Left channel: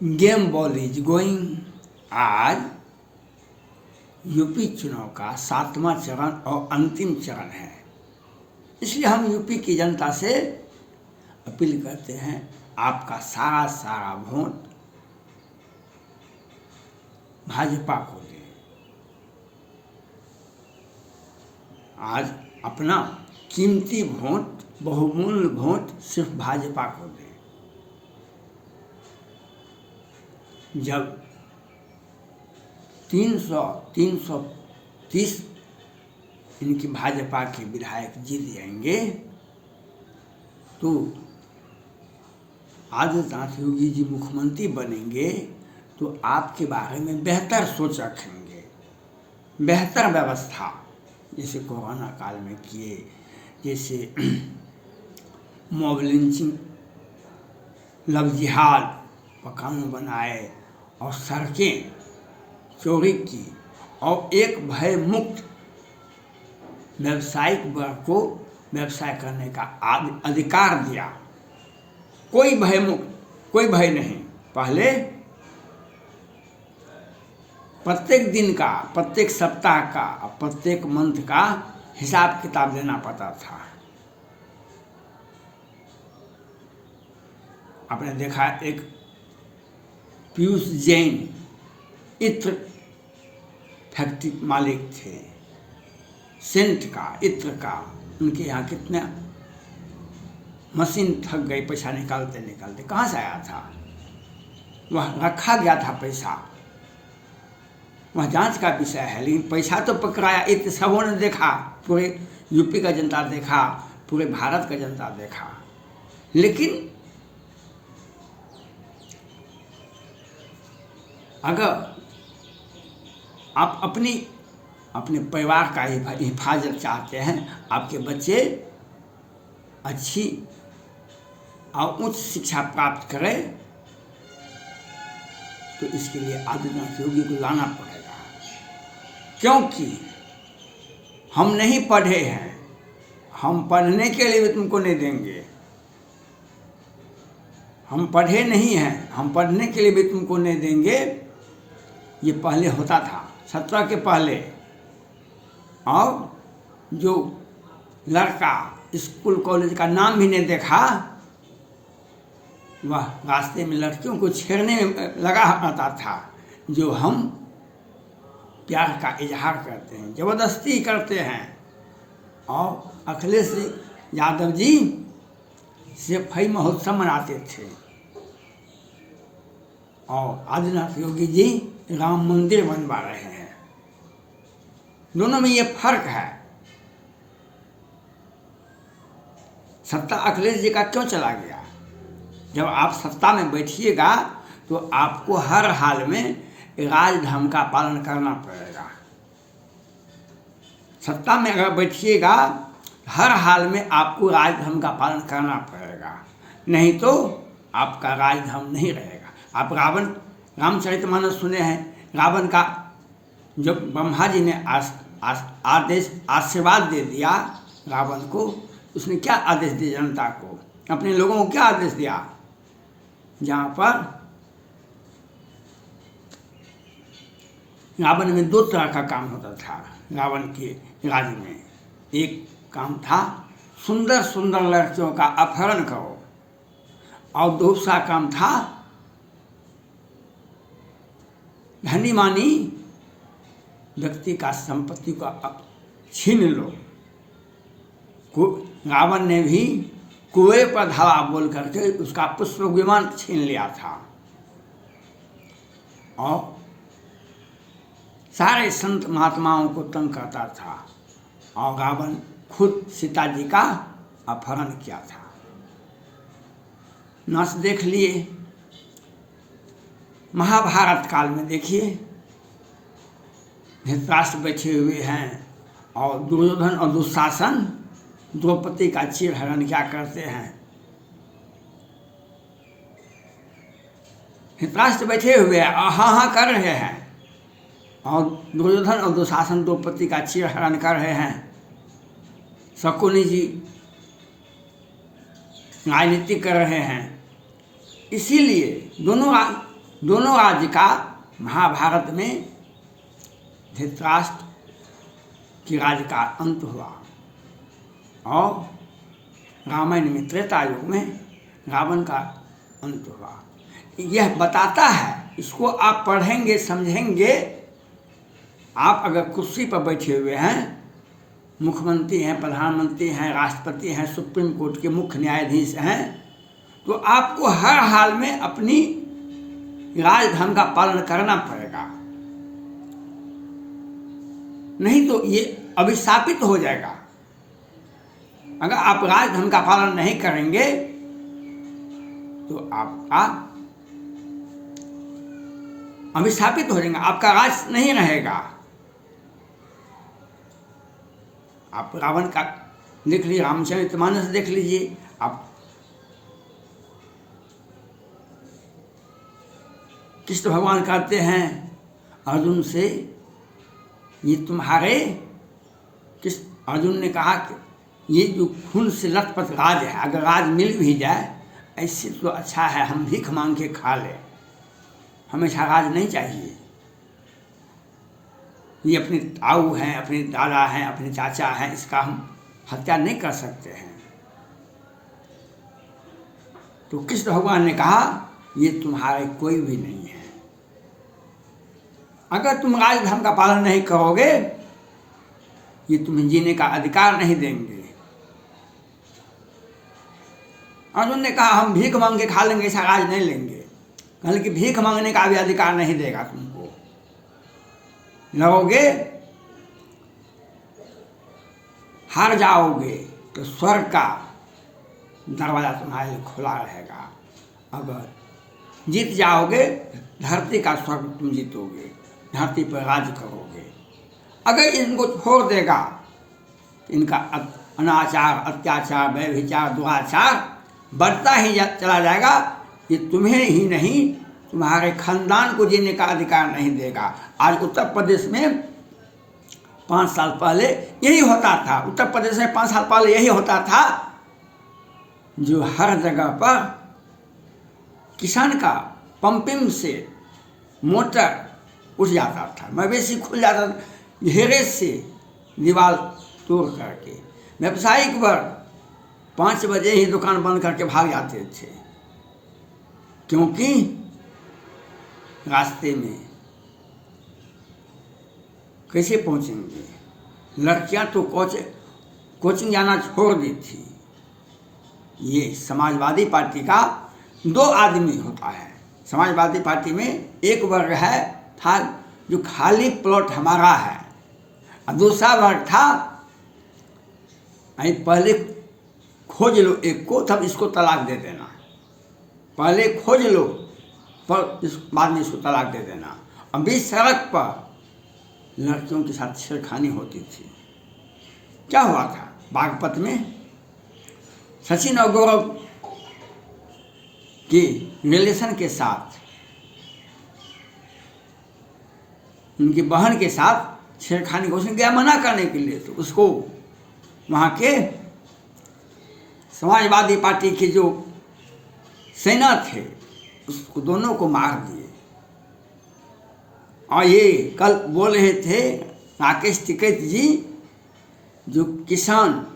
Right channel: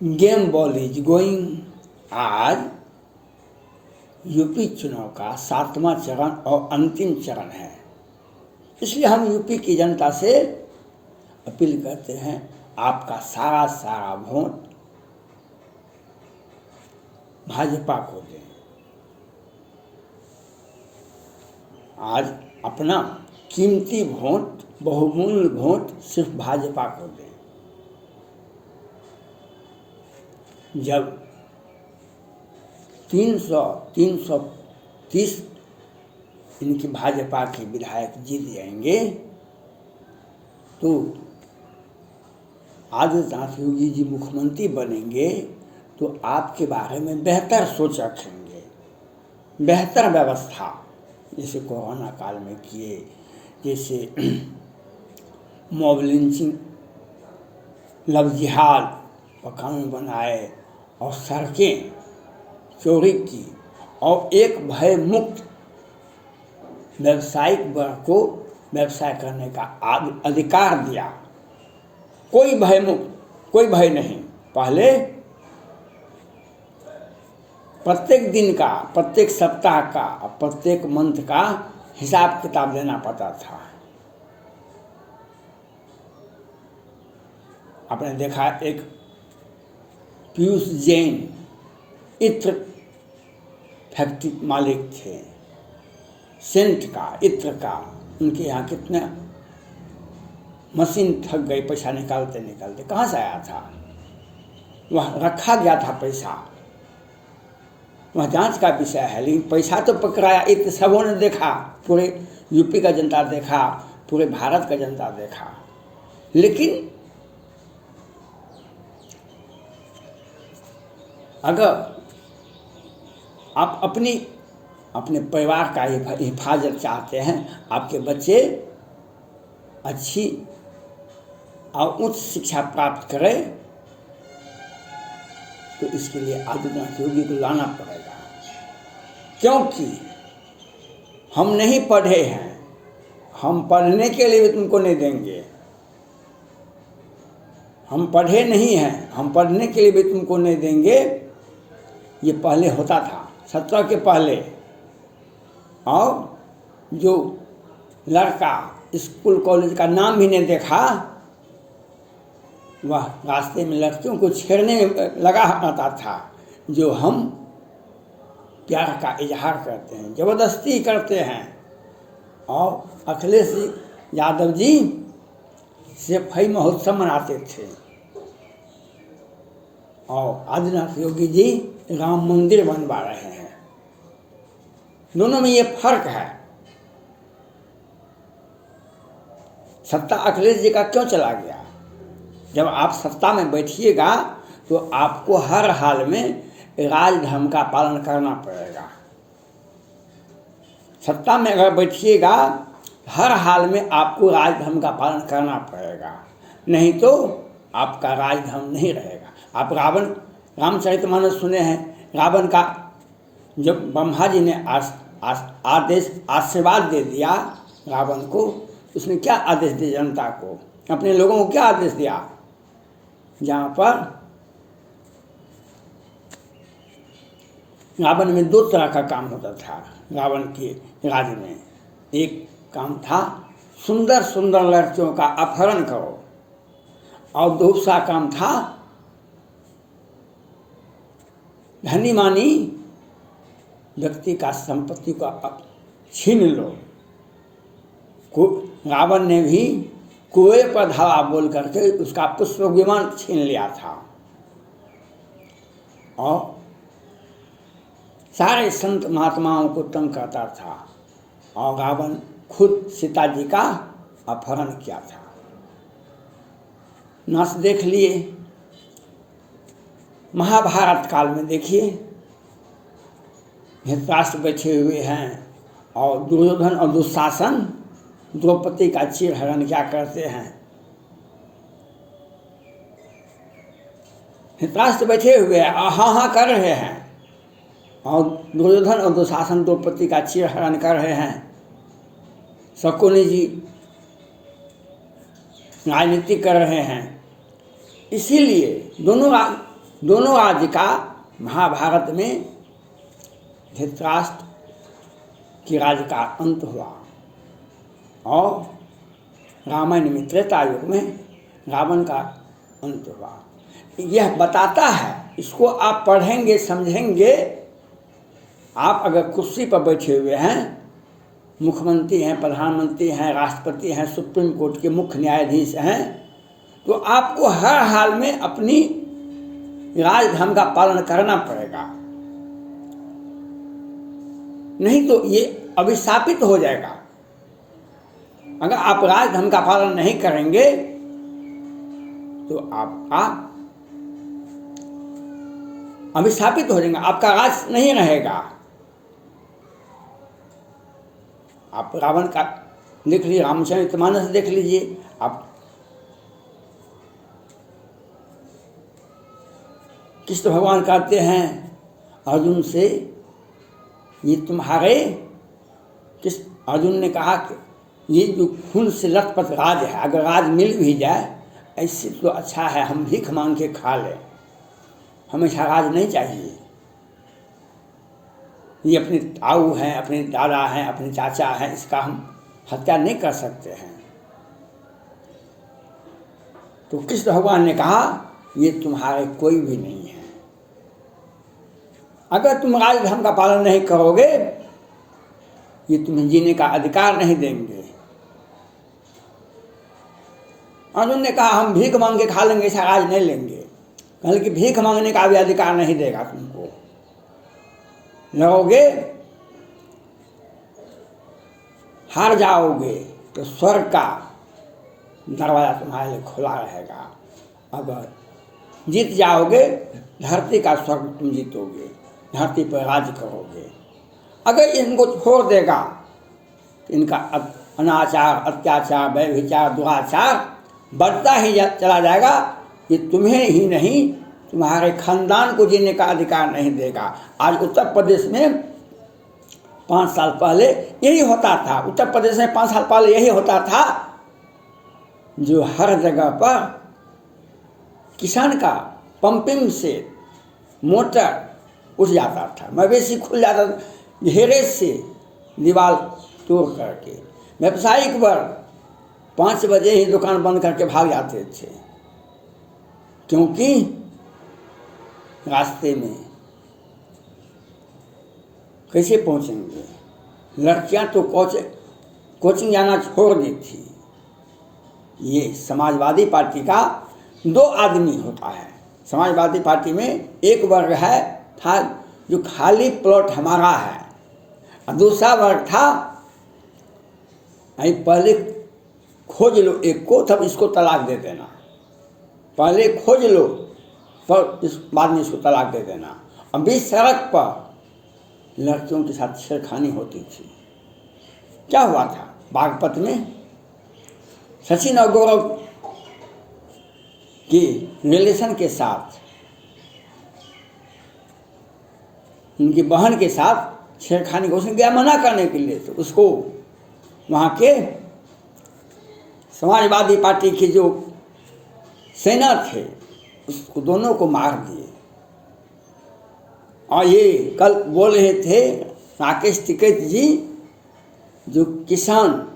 Game ball is going. आज UP चुनाव का 7वां चरण और अंतिम चरण है, इसलिए हम यूपी की जनता से अपील करते हैं, आपका सारा वोट भाजपा को दें। आज अपना कीमती वोट, बहुमूल्य वोट सिर्फ भाजपा को दें। जब 330 इनकी भाजपा के विधायक जीत जाएंगे तो आदित्यनाथ योगी जी मुख्यमंत्री बनेंगे तो आपके बारे में बेहतर सोच रखेंगे, बेहतर व्यवस्था जैसे कोरोना काल में किए, जैसे मॉब लिंचिंग, लव जिहाद का कानून बनाए और सड़कें चौड़ी की और एक भय मुक्त व्यावसायिक वर्ग को व्यवसाय करने का अधिकार दिया। कोई भय मुक्त, कोई भय नहीं। पहले प्रत्येक दिन का, प्रत्येक सप्ताह का, प्रत्येक मंथ का हिसाब किताब देना पड़ता था। आपने देखा एक पीयूष जैन इत्र फैक्ट्री मालिक थे, सेंट का, इत्र का, उनके यहाँ कितना मशीन थक गई पैसा निकालते निकालते। कहाँ से आया था? वह रखा गया था पैसा, वह जांच का विषय है, लेकिन पैसा तो पकड़ाया। इत्र सबों ने देखा, पूरे यूपी का जनता देखा, पूरे भारत का जनता देखा। लेकिन अगर आप अपने परिवार का हिफाजत चाहते हैं, आपके बच्चे अच्छी और उच्च शिक्षा प्राप्त करें, तो इसके लिए आदित्यनाथ योगी को लाना पड़ेगा। क्योंकि हम नहीं पढ़े हैं, हम पढ़ने के लिए भी तुमको नहीं देंगे। हम पढ़े नहीं हैं, हम पढ़ने के लिए भी तुमको नहीं देंगे। ये पहले होता था, 17 के पहले। और जो लड़का स्कूल कॉलेज का नाम भी नहीं देखा, वह रास्ते में लड़कियों को छेड़ने में लगा रहता था। जो हम प्यार का इजहार करते हैं, जबरदस्ती करते हैं। और अखिलेश यादव जी सफाई महोत्सव मनाते थे और आदित्यनाथ योगी जी राम मंदिर बनवा रहे हैं। दोनों में ये फर्क है। सत्ता अखिलेश जी का क्यों चला गया? जब आप सत्ता में बैठिएगा तो आपको हर हाल में राजधर्म का पालन करना पड़ेगा। सत्ता में अगर बैठिएगा, हर हाल में आपको राजधर्म का पालन करना पड़ेगा, नहीं तो आपका राजधर्म नहीं रहेगा। आप रामचरितमानस सुने हैं, रावण का जब ब्रह्मा जी ने आशीर्वाद दे दिया रावण को, उसने क्या आदेश दिया जनता को, अपने लोगों को क्या आदेश दिया? जहाँ पर रावण में 2 तरह का काम होता था। रावण के राज्य में एक काम था सुंदर सुंदर लड़कियों का अपहरण करो, और दूसरा काम था धनी मानी व्यक्ति का संपत्ति को छीन लो। रावण ने भी कुएं पर धावा बोल करके उसका पुष्प विमान छीन लिया था। और सारे संत महात्माओं को तंग करता था। और रावण खुद सीता जी का अपहरण किया था। नस देख लिए। महाभारत काल में देखिए, धृतराष्ट्र बैठे हुए हैं और दुर्योधन और दुशासन द्रौपदी का चीरहरण क्या करते हैं। धृतराष्ट्र बैठे हुए हैं और हाँ हाँ कर रहे हैं, और दुर्योधन और दुशासन द्रौपदी का चीरहरण कर रहे हैं। शकुनी जी राजनीति कर रहे हैं। इसीलिए दोनों राज्य का महाभारत में धृतराष्ट्र की राज्य का अंत हुआ और रामायण में त्रेता युग में रावण का अंत हुआ। यह बताता है, इसको आप पढ़ेंगे समझेंगे। आप अगर कुर्सी पर बैठे हुए हैं, मुख्यमंत्री हैं, प्रधानमंत्री हैं, राष्ट्रपति हैं, सुप्रीम कोर्ट के मुख्य न्यायाधीश हैं, तो आपको हर हाल में अपनी राजधर्म का पालन करना पड़ेगा, नहीं तो ये अभिशापित हो जाएगा। अगर आप राजधर्म का पालन नहीं करेंगे तो आपका अभिशापित हो जाएगा, आपका राज नहीं रहेगा। आप रावण का देख लीजिए, रामचरितमानस देख लीजिए आप। कृष्ण भगवान कहते हैं अर्जुन से, ये तुम्हारे, अर्जुन ने कहा कि ये जो खून से लथपथ राज है, अगर राज मिल भी जाए ऐसे तो अच्छा है हम भीख मांग के खा लें, हमेशा राज नहीं चाहिए। ये अपने ताऊ हैं, अपने दादा हैं, अपने चाचा हैं, इसका हम हत्या नहीं कर सकते हैं। तो कृष्ण भगवान ने कहा ये तुम्हारे कोई भी नहीं है। अगर तुम राजधर्म का पालन नहीं करोगे ये तुम्हें जीने का अधिकार नहीं देंगे। अर्जुन ने कहा हम भीख मांग के खा लेंगे, ऐसा राज नहीं लेंगे। बल्कि भीख मांगने का भी अधिकार नहीं देगा तुमको। लड़ोगे हार जाओगे तो स्वर्ग का दरवाजा तुम्हारे लिए खुला रहेगा, अगर जीत जाओगे धरती का स्वर्ग तुम जीतोगे, धरती पर राज करोगे। अगर इनको छोड़ देगा तो इनका अनाचार, अत्याचार, व्यभिचार, दुराचार बढ़ता ही चला जाएगा। ये तुम्हें ही नहीं तुम्हारे खानदान को जीने का अधिकार नहीं देगा। आज उत्तर प्रदेश में 5 साल पहले यही होता था। उत्तर प्रदेश में 5 साल पहले यही होता था, जो हर जगह पर किसान का पंपिंग से मोटर उठ जाता था, मवेशी खुल जाता था घेरे से दीवार तोड़ करके। व्यावसायिक वर्ग 5 बजे ही दुकान बंद करके भाग जाते थे, क्योंकि रास्ते में कैसे पहुंचेंगे। लड़कियां तो कोचिंग जाना छोड़ दी थी। ये समाजवादी पार्टी का 2 आदमी होता है। समाजवादी पार्टी में एक वर्ग है था जो खाली प्लॉट हमारा है, और दूसरा वर्ग था पहले खोज लो एक को तब इसको तलाक दे देना, पहले खोज लो पर इस बाद में इसको तलाक दे देना। अब बीच सड़क पर लड़कियों के साथ छेड़खानी होती थी। क्या हुआ था बागपत में? सचिन और गौरव की रिलेशन के साथ उनकी बहन के साथ छेड़खानी को उसने गया मना करने के लिए, तो उसको वहाँ के समाजवादी पार्टी की जो सेना थे उसको दोनों को मार दिए। और ये कल बोल रहे थे राकेश टिकैत जी, जो किसान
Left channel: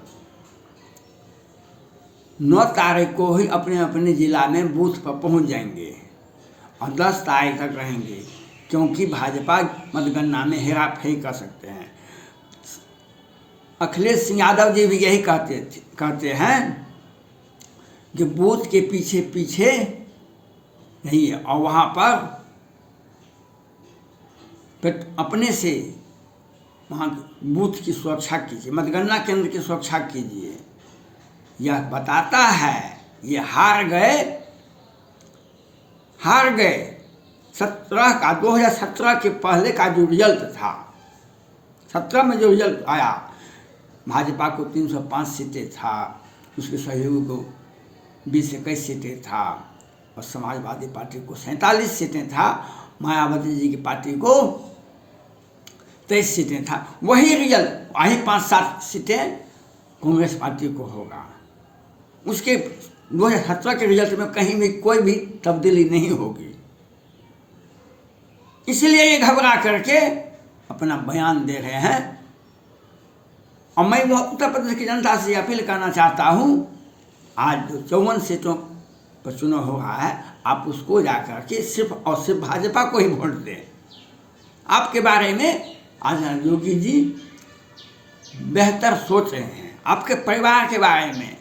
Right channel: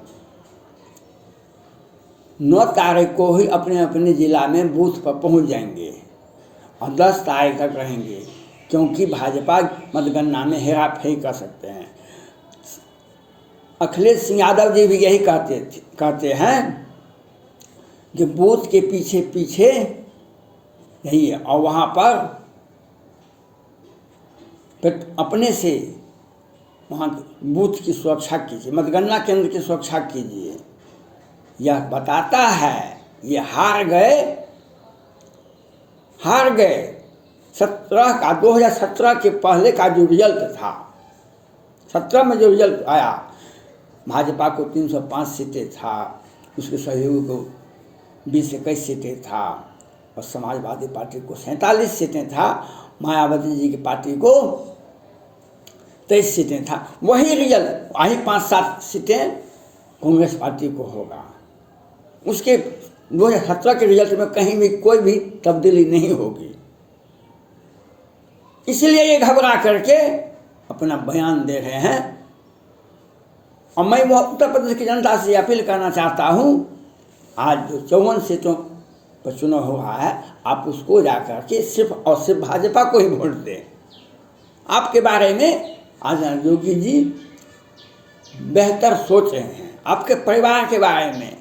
9 तारीख को ही अपने अपने ज़िला में बूथ पर पहुंच जाएंगे और 10 तारीख तक रहेंगे, क्योंकि भाजपा मतगणना में हेरा फेरी कर सकते हैं। अखिलेश सिंह यादव जी भी यही कहते हैं कि बूथ के पीछे पीछे यही है, और वहाँ पर अपने से वहाँ बूथ की सुरक्षा कीजिए, मतगणना केंद्र की सुरक्षा कीजिए। यह बताता है ये हार गए 2017 के पहले का जो रिजल्ट था, 17 में जो रिजल्ट आया, भाजपा को 305 सीटें था, उसके सहयोगी को 20-21 सीटें था, और समाजवादी पार्टी को 47 सीटें था, मायावती जी की पार्टी को 23 सीटें था। वही रिजल्ट वही 5-7 सीटें कांग्रेस पार्टी को होगा। उसके 2017 के रिजल्ट में कहीं भी कोई भी तब्दीली नहीं होगी। इसलिए ये घबरा करके अपना बयान दे रहे हैं। और मैं उत्तर प्रदेश की जनता से अपील करना चाहता हूँ, आज जो 54 सीटों पर चुनाव हो रहा है, आप उसको जाकर के सिर्फ और सिर्फ भाजपा को ही वोट दें। आपके बारे में आदरणीय योगी जी बेहतर सोच रहे हैं। आपके परिवार के बारे में,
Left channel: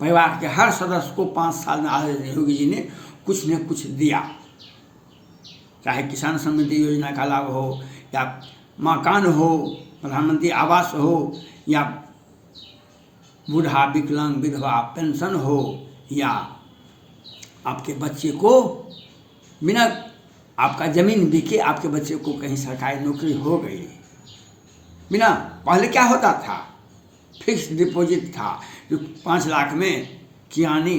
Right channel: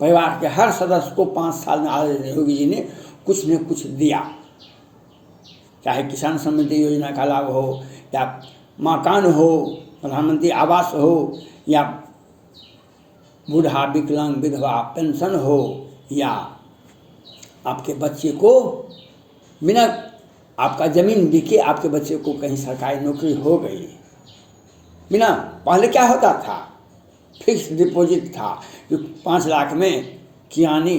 परिवार के हर सदस्य को 5 साल में आदरणीय योगी जी ने कुछ न कुछ दिया, चाहे किसान समृद्धि योजना का लाभ हो, या मकान हो, प्रधानमंत्री आवास हो, या बूढ़ा विकलांग विधवा पेंशन हो, या आपके बच्चे को बिना आपका ज़मीन बिके आपके बच्चे को कहीं सरकारी नौकरी हो गई। बिना, पहले क्या होता था, फिक्स डिपॉजिट था जो 5 लाख में किरानी,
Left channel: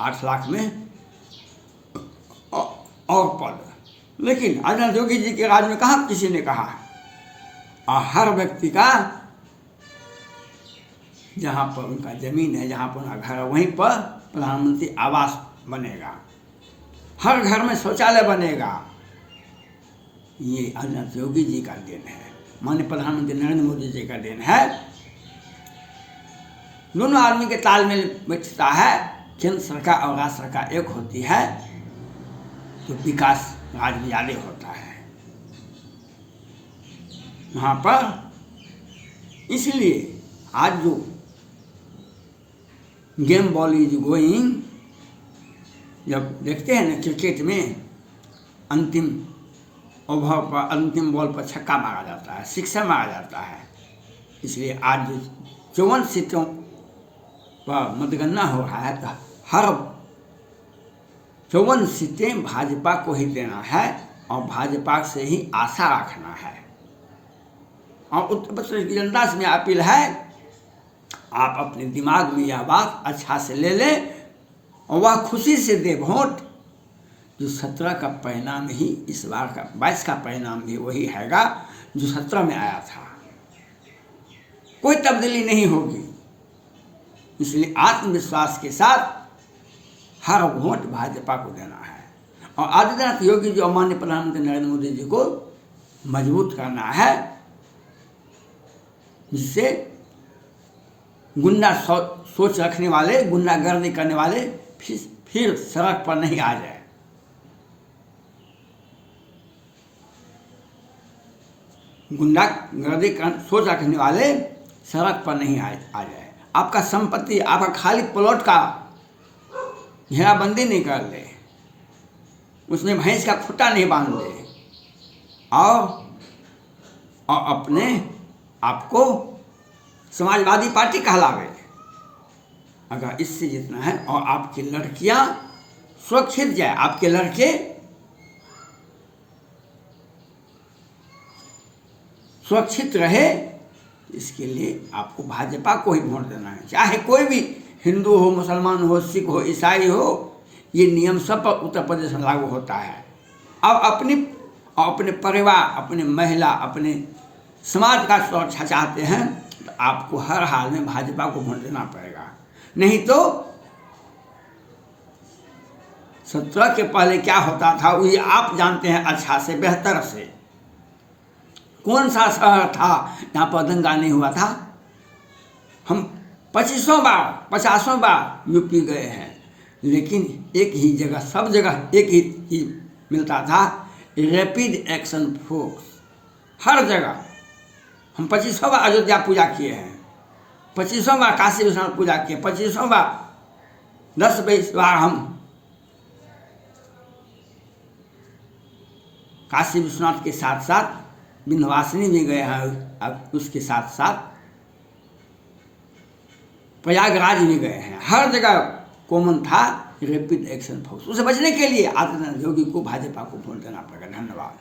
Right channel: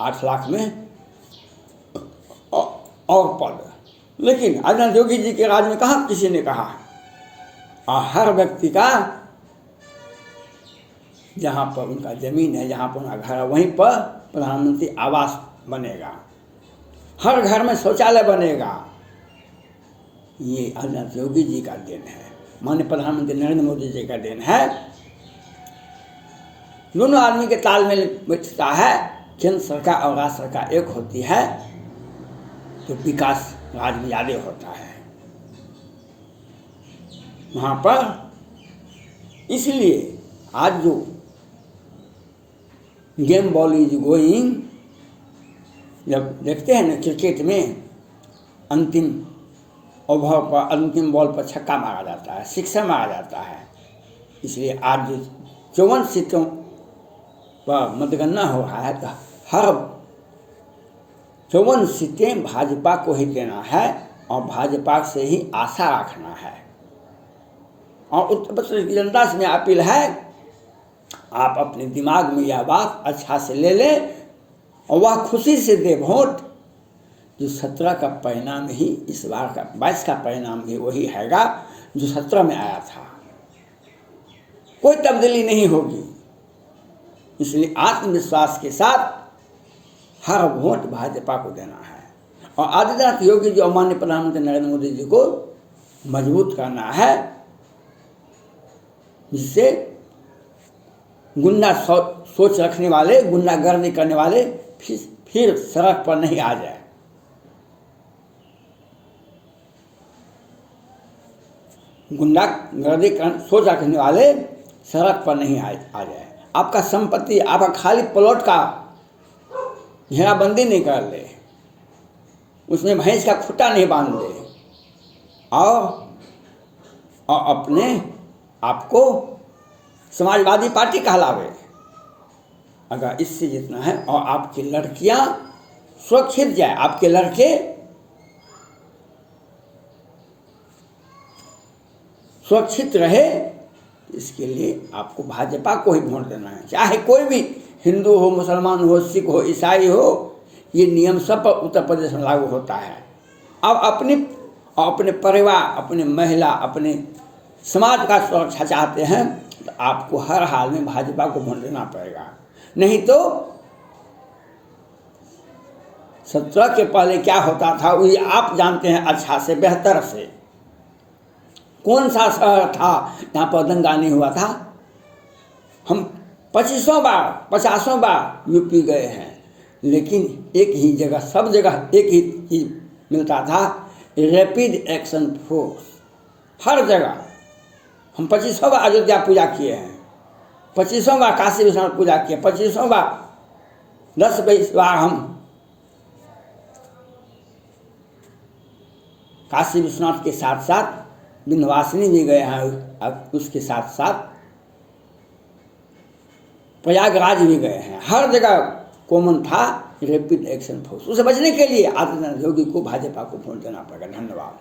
8 लाख में और पद। लेकिन आदरणीय योगी जी के राज में कहाँ किसी ने कहा। और हर व्यक्ति का जहाँ पर उनका ज़मीन है, जहाँ पर उनका घर है, वहीं पर प्रधानमंत्री आवास बनेगा, हर घर में शौचालय बनेगा। ये आदरणीय योगी जी का देन है, माननीय प्रधानमंत्री नरेंद्र मोदी जी का देन है। दोनों आदमी के तालमेल बैठता है, केंद्र सरकार और राज्य सरकार एक होती है तो विकास राज्य में ज़्यादा होता है वहाँ पर। इसलिए आज जो गेम बॉल इज गोइंग, जब देखते हैं ना क्रिकेट में अंतिम ओवर पर, अंतिम बॉल पर छक्का मारा जाता है, सिक्सर मारा जाता है। इसलिए आज जो 54 सीटों पर मतगणना हो रहा है तो हर 54 सीटें भाजपा को ही देना है और भाजपा से ही आशा रखना है। और उत्तर प्रदेश की जनता से मेरी अपील है, आप अपने दिमाग में यह बात अच्छा से ले लें और वह खुशी से दे वोट। जो 17 का परिणाम ही इस बार का 22 का परिणाम भी वही हैगा जो 17 में आया था, कोई तब्दीली नहीं होगी। इसलिए आत्मविश्वास के साथ हर वोट भाजपा को देना है और आदित्यनाथ योगी जो माननीय प्रधानमंत्री नरेंद्र मोदी जी को मजबूत करना है, जिससे गुंडा सोच रखने वाले, गुंडागर्दी करने वाले फिर सड़क पर नहीं आ जाए। गुंडागर्दी सोच रखने वाले सड़क पर नहीं आ जाए। आपका संपत्ति, आपका खाली प्लॉट का घेराबंदी नहीं कर ले, उसमें भैंस का खुट्टा नहीं बांध ले और अपने आपको समाजवादी पार्टी कहलावे। अगर इससे जितना है और आपकी लड़कियां सुरक्षित जाए, आपके लड़के सुरक्षित रहे, इसके लिए आपको भाजपा को ही वोट देना है। चाहे कोई भी हिंदू हो, मुसलमान हो, सिख हो, ईसाई हो, ये नियम सब पर उत्तर प्रदेश में लागू होता है। अब अपने परिवार, अपने महिला, अपने समाज का सुरक्षा चाहते हैं तो आपको हर हाल में भाजपा को वोट देना पड़ेगा। नहीं तो 17 के पहले क्या होता था वही आप जानते हैं अच्छा से, बेहतर से। कौन सा शहर था जहाँ पर दंगा नहीं हुआ था? हम 25 बार 50 बार यूपी गए हैं, लेकिन एक ही जगह, सब जगह एक ही चीज मिलता था, रैपिड एक्शन फोर्स। हर जगह हम 25 बार अयोध्या पूजा किए हैं, 25 बार काशी विश्वनाथ पूजा किए, 25 बार 10-20 बार हम काशी विश्वनाथ के साथ साथ विंध्यवासिनी भी गए हैं, अब उसके साथ साथ प्रयागराज भी गए हैं। हर जगह कॉमन था रैपिड एक्शन फोर्स। उसे बचने के लिए आदित्यनाथ योगी को भाजपा को वोट देना पड़ेगा। धन्यवाद।